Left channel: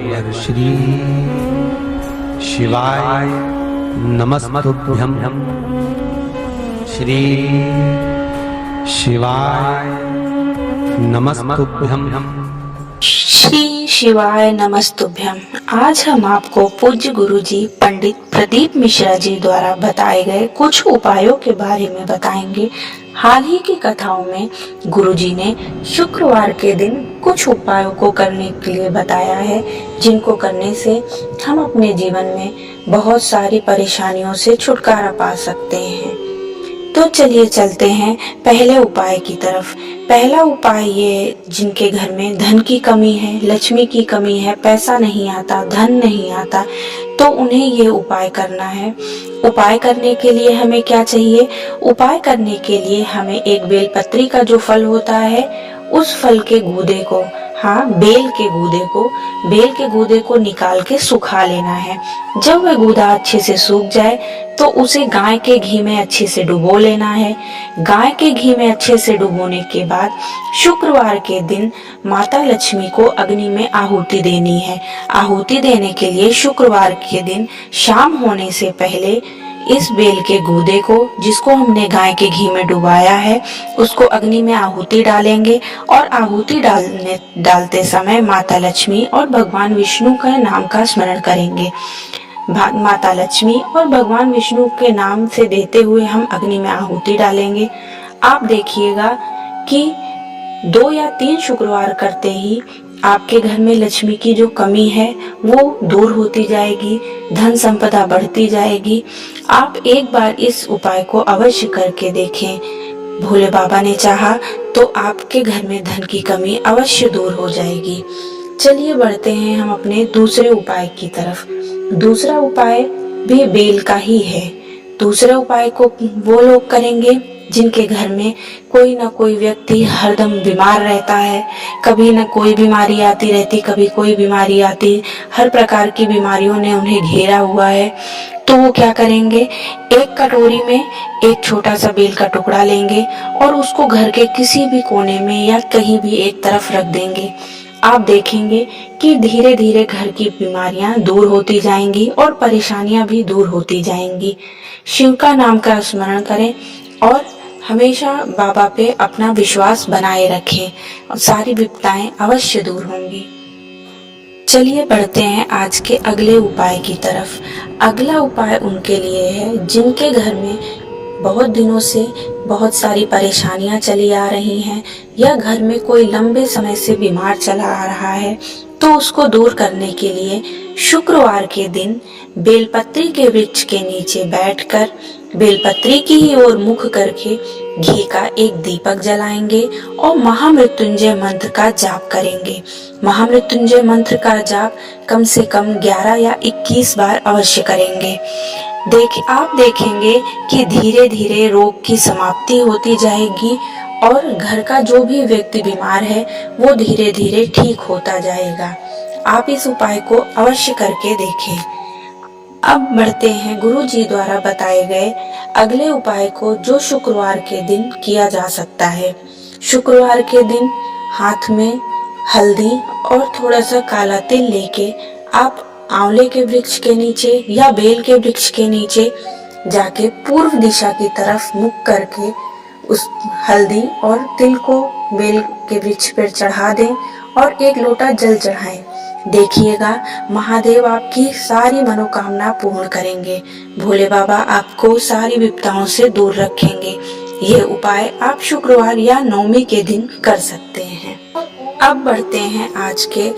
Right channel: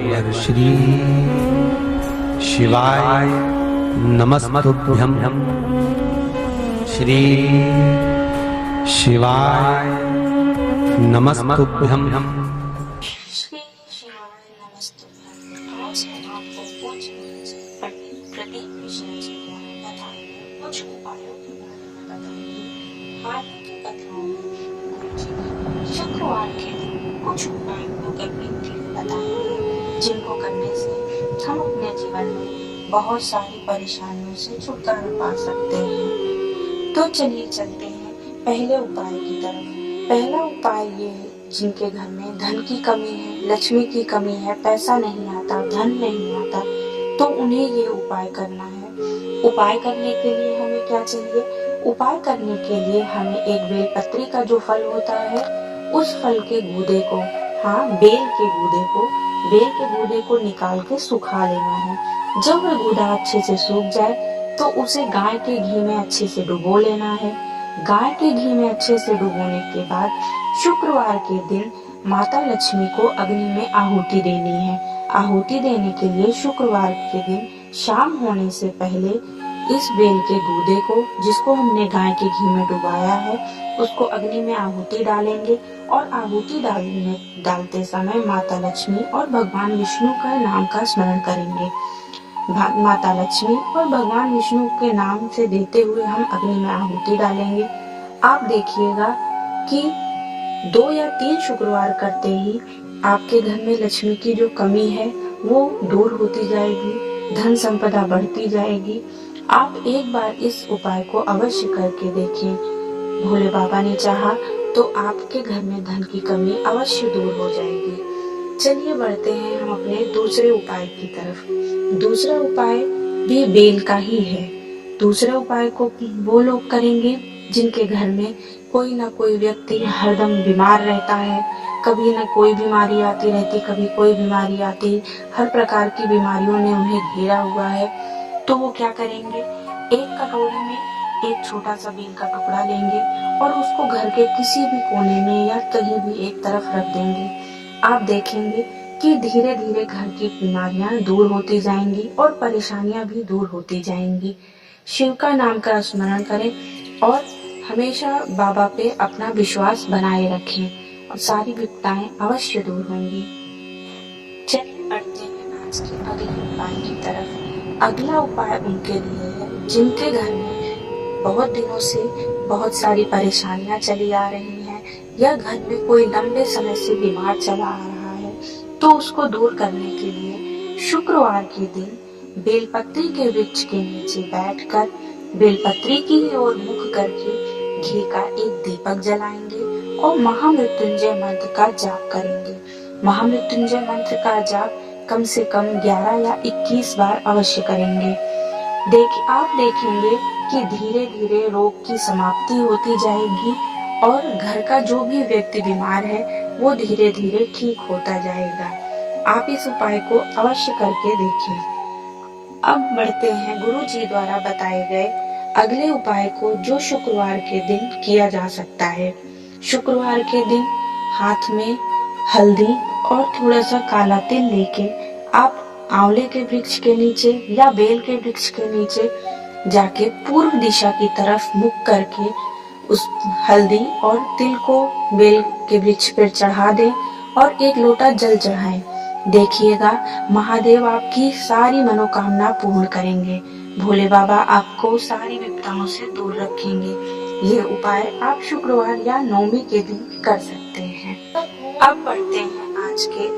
श्री शिवाय नमस्तुभ्यं। श्री शिवाय नमस्तुभ्यं। श्री शिवाय नमस्तुभ्यम। आज हम आपको पूज्य गुरुजी पंडित प्रदीप मिश्रा जी द्वारा बताए गए कुछ उपायों के बारे में बताएंगे। हाल ही की कथाओं में गुरुजी ने शुक्रवार के दिन कुछ उपायों को करने के लिए बताया है, जिनको करने से हम अपने जीवन में बहुत सारी परेशानियों से छुटकारा पा सकते हैं। तो चलिए चलते हैं पहले उपाय की तरफ। पहला उपाय ये, जिनके घर में धन की कमी है, लक्ष्मी की कमी है, पैसा नहीं आता, धन नहीं आता, तो उन्हें ये उपाय करना है। उपाय करने के लिए हमें क्या चाहिए? उपाय करने के लिए हमें एक बेलपत्री का जो फल होता है, उस फल के गूदे को, बेल के गूदे को निकाल के सुखा लेना है। जब वह गूदा अच्छे से सूख जाए तो उसे गाय के घी में अच्छे से डुबो लेना है। गाय के घी में अच्छे से डुबोने के बाद शुक्रवार के दिन माता लक्ष्मी को अग्नि में आहुति देनी है। आहुति देने के लिए शुक्रवार के दिन शाम होने से पहले इस बेल के गूदे को, जिसको हमने गाय के घी में डुबाया है, उसको अग्नि में आहुति डालेंगे और आहुति डालते समय माता लक्ष्मी और भगवान विष्णु का नाम का स्मरण करेंगे। माता लक्ष्मी और भगवान विष्णु के नाम से देते हुए हम अग्नि में आहुति डालेंगे। आप देखिएगा कि 2 या 3 शुक्रवार करते ही आपके घर में लक्ष्मी की जो कमी है वो दूर होती जाएगी, धन संपदा बढ़ती जाएगी। आप एक बार इस उपाय को अवश्य करके देखें। भोले बाबा ने चाहा तो आपके घर में धन की कमी अवश्य दूर हो जाएगी। चलिए बढ़ते हैं हम अपने दूसरे उपाय की तरफ। दूसरा उपाय भी बेल का ही है। दूसरे उपाय को वो लोग करेंगे जिनके घर में कोई ना कोई व्यक्ति हरदम बीमार रहता है। कभी न कोई बीमारी आती रहती, कभी कोई बीमारी आती, हर प्रकार की बीमारियों ने उन्हें घेरा हुआ है। तो वो क्या करेंगे? एक कटोरी में एक छोटा सा बेल का टुकड़ा लेंगे और उसको घर के किसी भी कोने में या कहीं भी एक तरफ रख देंगे। आप देखेंगे कि धीरे धीरे घर की बीमारियां दूर होती जाएंगी और परेशानियां भी दूर होती जाएंगी। शिव का नाम का स्मरण करें और हमेशा बाबा पे अपना विश्वास बनाए रखें और सारी विपदाएं अवश्य दूर होंगी। चलिए बढ़ते हैं आज के अगले उपाय की तरफ। अगला उपाय उनके लिए है जिनके घर में बहुत दिनों से बहुत सारी परेशानियां चली आ रही हैं या घर में कोई लंबे समय से बीमार चला आ रहा है। तो उसको दूर करने के लिए शुक्रवार के दिन बेलपत्री के वृक्ष के नीचे बैठकर बेलपत्री की ही ओर मुख करके घी का एक दीपक जलाएंगे और महामृत्युंजय मंत्र का जाप करेंगे। महामृत्युंजय मंत्र का जाप कम से कम 11 या 21 बार अवश्य करेंगे। आप देखेंगे कि धीरे धीरे रोग की समाप्ति होती जाएगी और घर का जो भी व्यक्ति बीमार है वो धीरे धीरे ठीक होता जाएगा। आप इस उपाय को अवश्य करके देखें। अब बढ़ते हैं गुरु जी द्वारा बताए गए अगले उपाय को, जो शुक्रवार के दिन किया जा सकता है। शुक्रवार के दिन हाथ में हल्दी और थोड़ा सा काला तिल लेके आप आंवले के वृक्ष के नीचे या बेल के वृक्ष के नीचे जाके पूर्व दिशा की तरफ मुख करके उस हल्दी और तिल को बेल के वृक्ष पर चढ़ा दें और एक लोटा जल चढ़ाएं। देखिएगा महादेव आपकी सारी मनोकामना पूर्ण करेंगे। भोले बाबा आपको सारी विपदाओं से दूर रखेंगे। ये उपाय आप शुक्रवार या नवमी के दिन कर सकते हैं। अब बढ़ते हैं आज के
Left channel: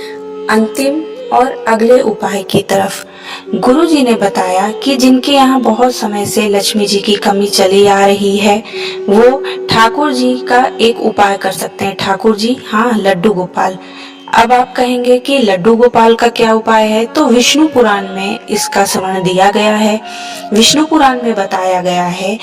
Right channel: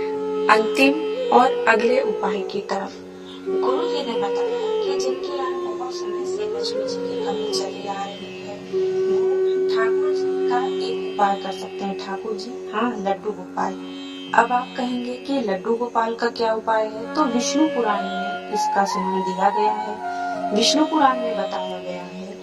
अंतिम और अगले उपाय की तरफ। गुरु जी ने बताया कि जिनके यहाँ बहुत समय से लक्ष्मी जी की कमी चली आ रही है वो ठाकुर जी का एक उपाय कर सकते हैं। ठाकुर जी, लड्डू गोपाल। अब आप कहेंगे कि लड्डू गोपाल का क्या उपाय है? तो विष्णु पुराण में इसका स्मरण दिया गया है। विष्णु पुराण में बताया गया है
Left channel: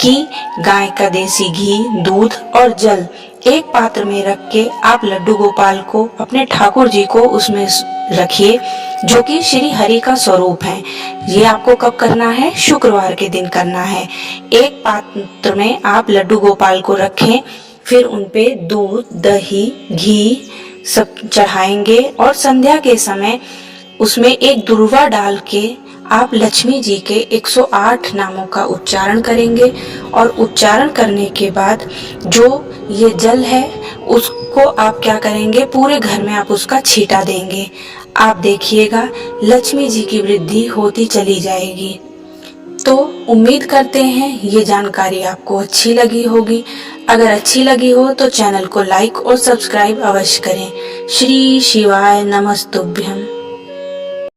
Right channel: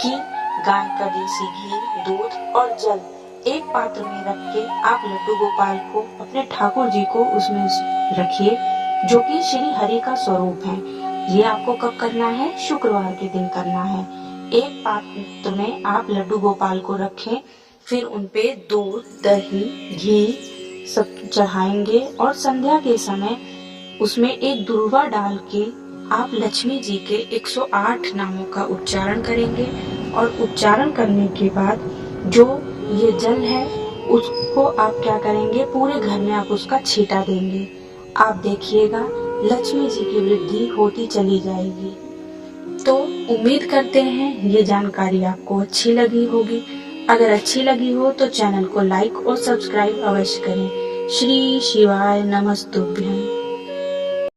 कि गाय का देसी घी, दूध और जल एक पात्र में रख के आप लड्डू गोपाल को, अपने ठाकुर जी को उसमें रखिए, जो कि श्री हरि का स्वरूप है। ये आपको कब करना है? शुक्रवार के दिन करना है। एक पात्र में आप लड्डू गोपाल को रखें, फिर उनपे दूध, दही, घी सब चढ़ाएंगे और संध्या के समय उसमें एक दुर्वा डाल के आप लक्ष्मी जी के 108 नामों का उच्चारण करेंगे और उच्चारण करने के बाद जो ये जल है उसको आप क्या करेंगे, पूरे घर में आप उसका छींटा देंगे। आप देखिएगा लक्ष्मी जी की वृद्धि होती चली जाएगी। तो उम्मीद करते हैं ये जानकारी आपको अच्छी लगी होगी। अगर अच्छी लगी हो तो चैनल को लाइक और सब्सक्राइब अवश्य करें। श्री शिवाय नमस्तुभ्यम।